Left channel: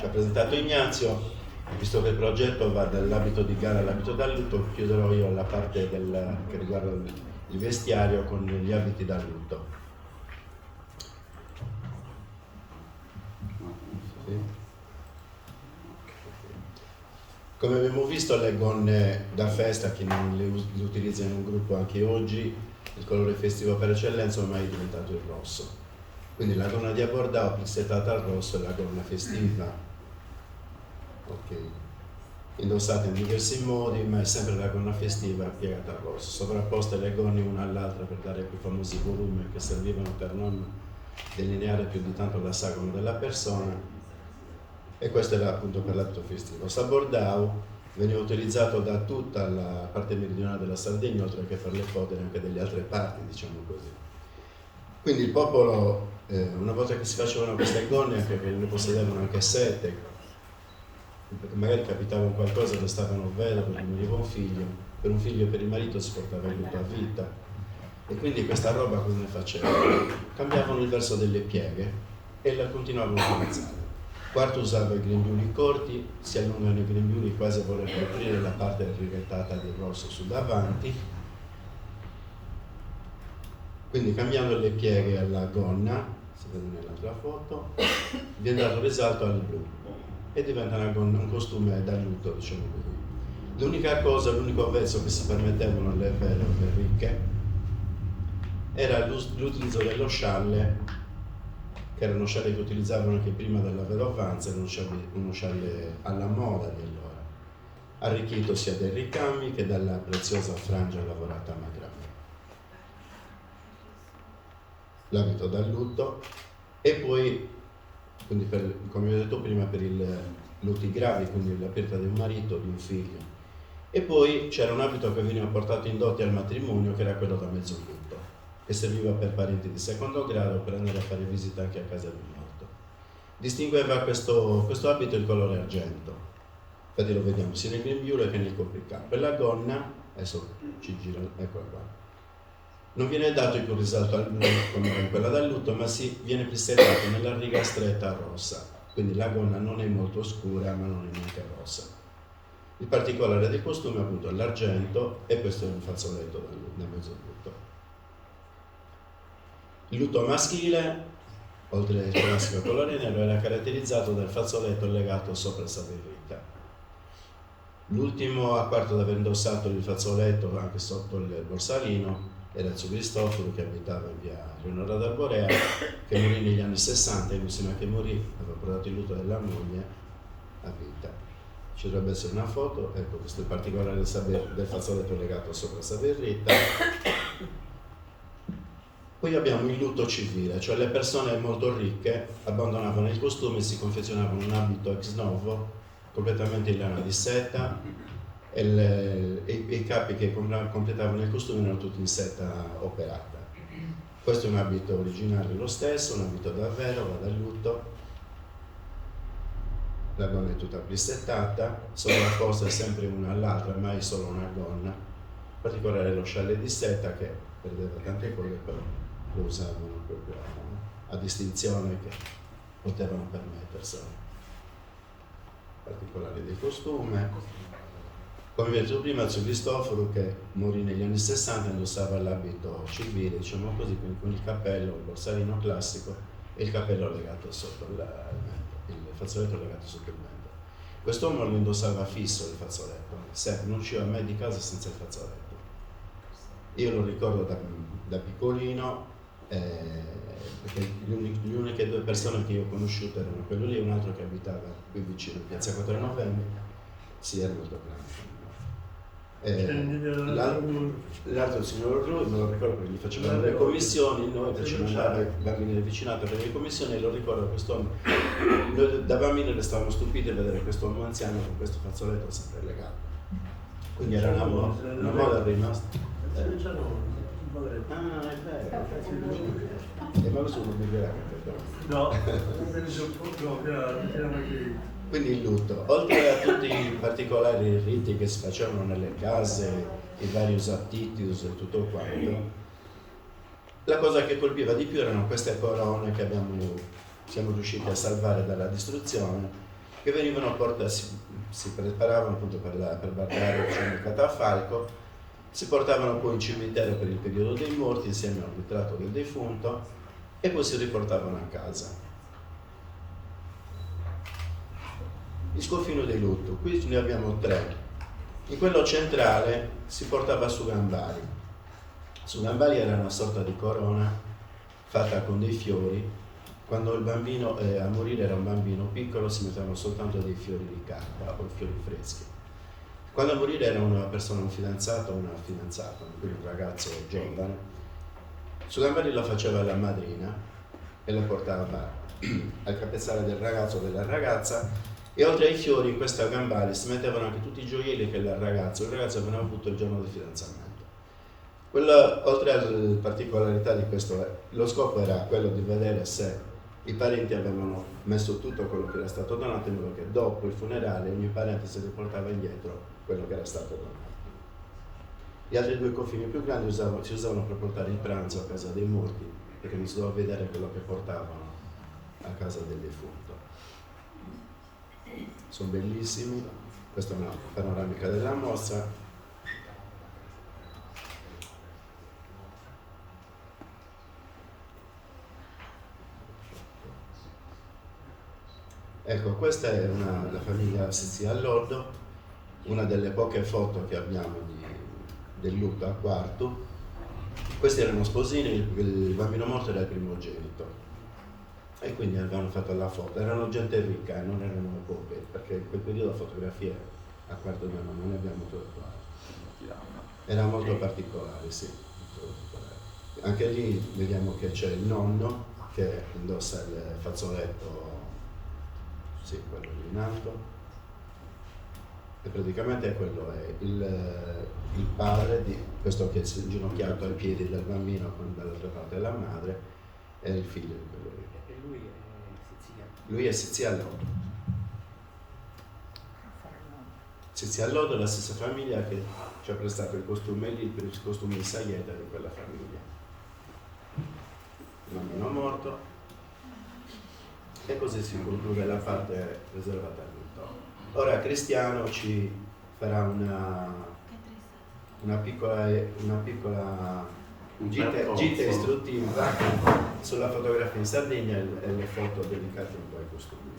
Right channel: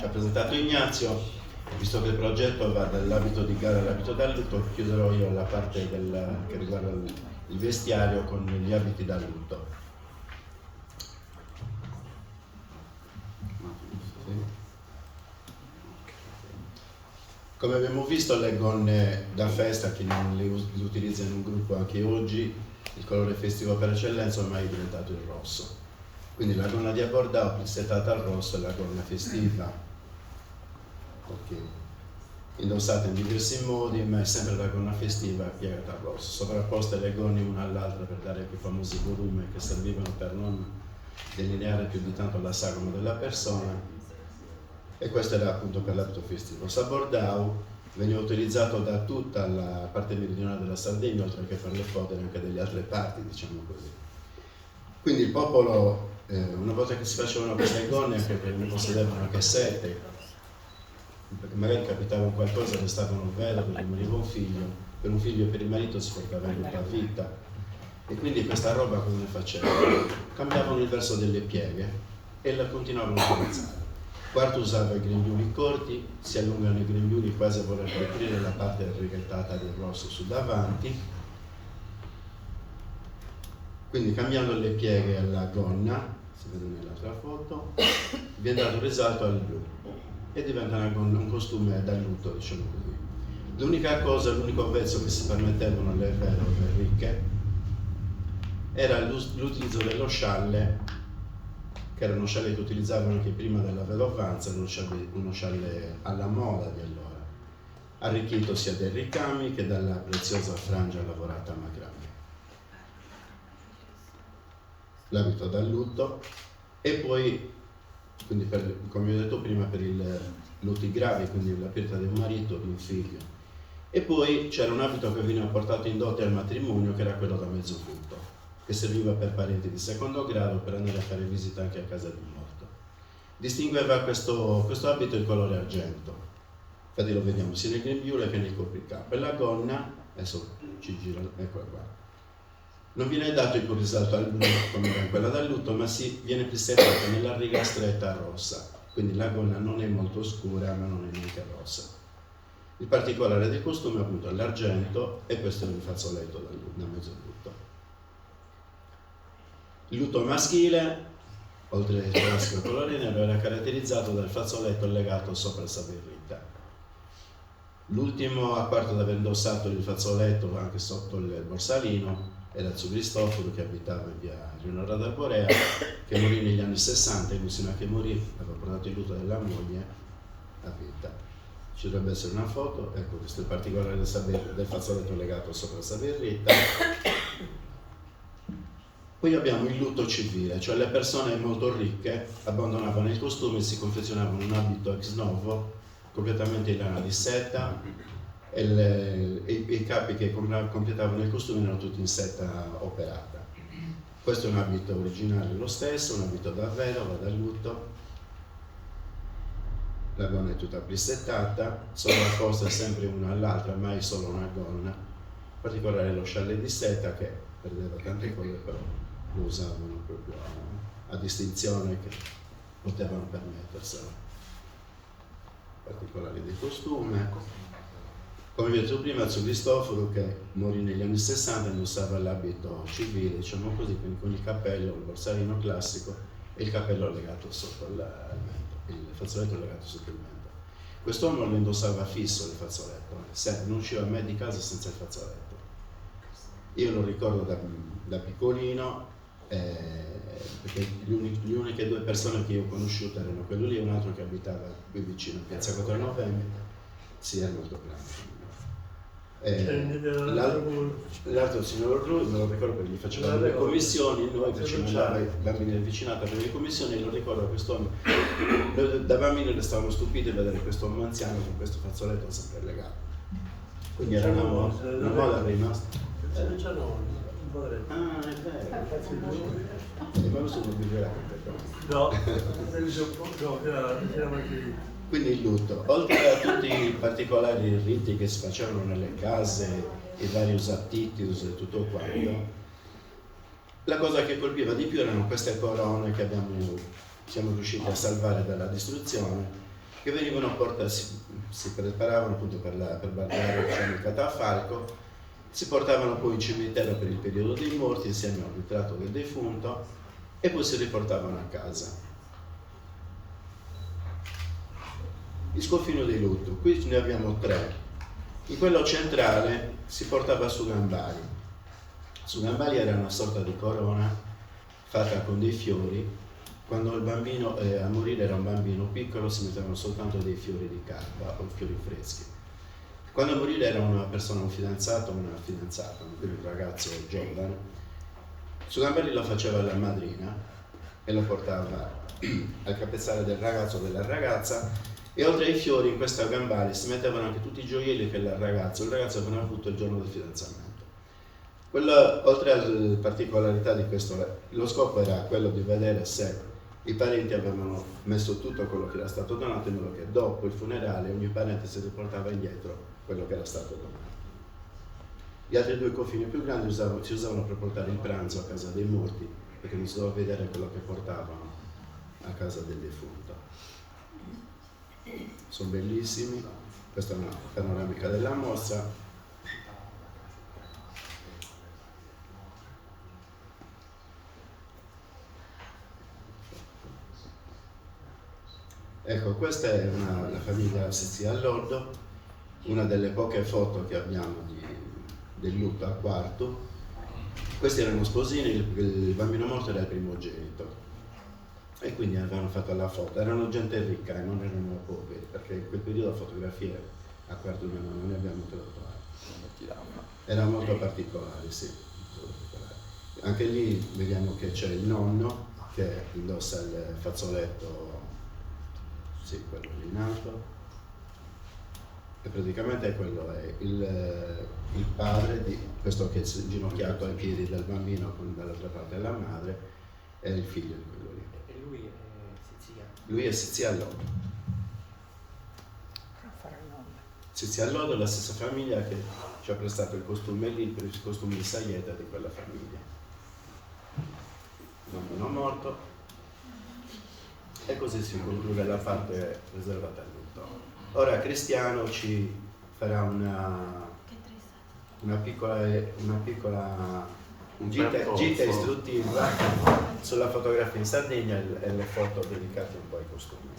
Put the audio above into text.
ci ha presentato Ignazio. Visto che il progetto va dall'abito di gara all'abito da lutto, chiuderò io la parte che riguarda il vestiario con gli abiti da lutto. Come abbiamo visto, le gonne da festa, chi non le utilizza in un gruppo anche oggi, il colore festivo per eccellenza ormai è diventato il rosso. Quindi la gonna di abbordao plissettata al rosso è la gonna festiva. Ok. Indossata in diversi modi, ma è sempre la gonna festiva piegata al rosso. Sovrapposte le gonne una all'altra per dare quei famosi volumi che servivano per non delineare più di tanto la sagoma della persona. E questo era appunto per l'abito festivo. Sabordau veniva utilizzato da tutta la parte meridionale della Sardegna, oltre che per le fodere anche delle altre parti, diciamo così. Quindi il popolo, una volta che si facevano queste gonne, anche perché ne possedevano anche 7, perché magari capitava un qualcosa, restavano vedovi, rimaneva un figlio e per il marito si portava in a vita. E quindi questa roba come facevano? Cambiavano il verso delle pieghe e la continuavano a utilizzare. Quarto usava i grembiuli corti, si allungano i grembiuli quasi a voler coprire la parte rivettata del rosso su davanti. Quindi cambiando le pieghe alla gonna, si vede nell'altra foto, viene dato risalto al blu e diventa un costume da lutto, diciamo così. L'unica cosa, l'unico vezzo che si permettevano le vedove ricche era l'utilizzo dello scialle, che era uno scialle che utilizzavano anche prima della vedovanza, era uno scialle alla moda di allora, arricchito sia dai ricami che dalla preziosa frangia lavorata a macramè. L'abito da lutto e poi, quindi come vi ho detto prima, per i lutti gravi, quindi la perdita del marito o di un figlio. E poi c'era un abito che veniva portato in dote al matrimonio, che era quello da mezzo lutto, che serviva per parenti di secondo grado per andare a fare visita anche a casa del morto. Distingueva questo abito il colore argento, infatti lo vediamo sia nel grembiule che nel copricapo. E la gonna, adesso ci gira, eccola qua, non viene dato il risalto al blu come con quella da lutto, ma viene plissettata nella riga stretta rossa, quindi la gonna non è molto scura ma non è neanche rossa. Il particolare del costume è appunto l'argento e questo è un fazzoletto da mezzo lutto. Il lutto maschile, oltre al classico colore nero, era caratterizzato dal fazzoletto legato sopra il saberrita. L'ultimo a quarto ad aver indossato il fazzoletto anche sotto il borsalino era il suo Cristoforo, che abitava in via Leonora d'Arborea, che morì negli anni 60 e l'ultima che morì aveva portato il lutto della moglie a vita. Ci dovrebbe essere una foto, ecco, questo è il particolare del fazzoletto legato sopra il saberrita. Poi abbiamo il lutto civile, cioè le persone molto ricche abbandonavano il costume e si confezionavano un abito ex novo, completamente in lana di seta, e i capi che completavano il costume erano tutti in seta operata. Questo è un abito originale lo stesso, un abito davvero, va da lutto. La gonna è tutta plissettata, sovrapposta sempre una all'altra, mai solo una gonna. In particolare lo scialle di seta, che perdeva tante cose, però lo usavano proprio a distinzione che potevano permetterselo. Particolari del costume. Come vi ho detto prima, c'è Cristoforo, che morì negli anni 60, indossava l'abito civile, diciamo così, quindi con il cappello, il borsalino classico e il cappello legato sotto il mento, il fazzoletto legato sotto il mento. Quest'uomo lo indossava fisso il fazzoletto, non usciva mai di casa senza il fazzoletto. Io lo ricordo da piccolino, perché le uniche due persone che io ho conosciuto erano quello lì e un altro che abitava qui vicino, a Piazza 4 Novembre, sì, era molto grande. L'altro signor Rui, me lo ricordo perché gli facevamo le commissioni, noi facevamo andare i bambini del vicinato per le commissioni, e lo ricordo quest'uomo, noi da bambini restavamo stupiti a vedere quest'uomo anziano con questo fazzoletto sempre legato, quindi era una moda rimasta. Ah, è vero, ma questo non mi verrà. No, quindi il lutto, oltre a tutti i particolari riti che si facevano nelle case, i vari usatitius e tutto quanto, la cosa che colpiva di più erano queste corone che siamo riusciti a salvare dalla distruzione, che venivano portati, si preparavano appunto per guardare, diciamo, il catafalco, si portavano poi in cimitero per il periodo dei morti insieme al ritratto del defunto e poi si riportavano a casa. Il scoffino di lutto, qui ne abbiamo 3. In quello centrale si portava su gambali. Su gambali era una sorta di corona fatta con dei fiori. Quando il bambino a morire era un bambino piccolo si mettevano soltanto dei fiori di carta o fiori freschi. Quando a morire era una persona, un fidanzato o una fidanzata, quindi un ragazzo giovane, su gambali lo faceva la madrina e lo portava al capezzale del ragazzo o della ragazza, e oltre ai fiori in questa gambale si mettevano anche tutti i gioielli che il ragazzo aveva avuto il giorno del fidanzamento. Oltre alle particolarità di questo, lo scopo era quello di vedere se i parenti avevano messo tutto quello che era stato donato, in modo che dopo il funerale ogni parente si riportava indietro quello che era stato donato. Gli altri 2 coffini più grandi si usavano per portare il pranzo a casa dei morti, perché non si doveva vedere quello che portavano a casa del defunto. Sono bellissimi, questa è una panoramica della mostra. Ecco, questa è la famiglia Sizia Allordo, una delle poche foto che abbiamo del Luca quarto. Questi erano sposini, il bambino morto era il primogenito e quindi avevano fatto la foto. Erano gente ricca e non erano poche, perché in quel periodo fotografie a quarto d'anno non ne abbiamo trovato. Era molto particolare, sì. Anche lì vediamo che c'è il nonno che indossa il fazzoletto, sì, quello in alto, e praticamente quello è il padre di questo che è inginocchiato ai piedi del bambino con dall'altra parte la madre, e il figlio di quello lì. E lui è siciliano. Lui è Sizia Allordo. Sizia Allordo è la stessa famiglia che ci ha prestato il costume lì per il costume di Saieta di quella famiglia. Il bambino morto. E così si conclude la parte riservata al lutto. Ora Cristiano ci farà una piccola gita istruttiva sulla fotografia in Sardegna e le foto dedicate un po' ai costumi.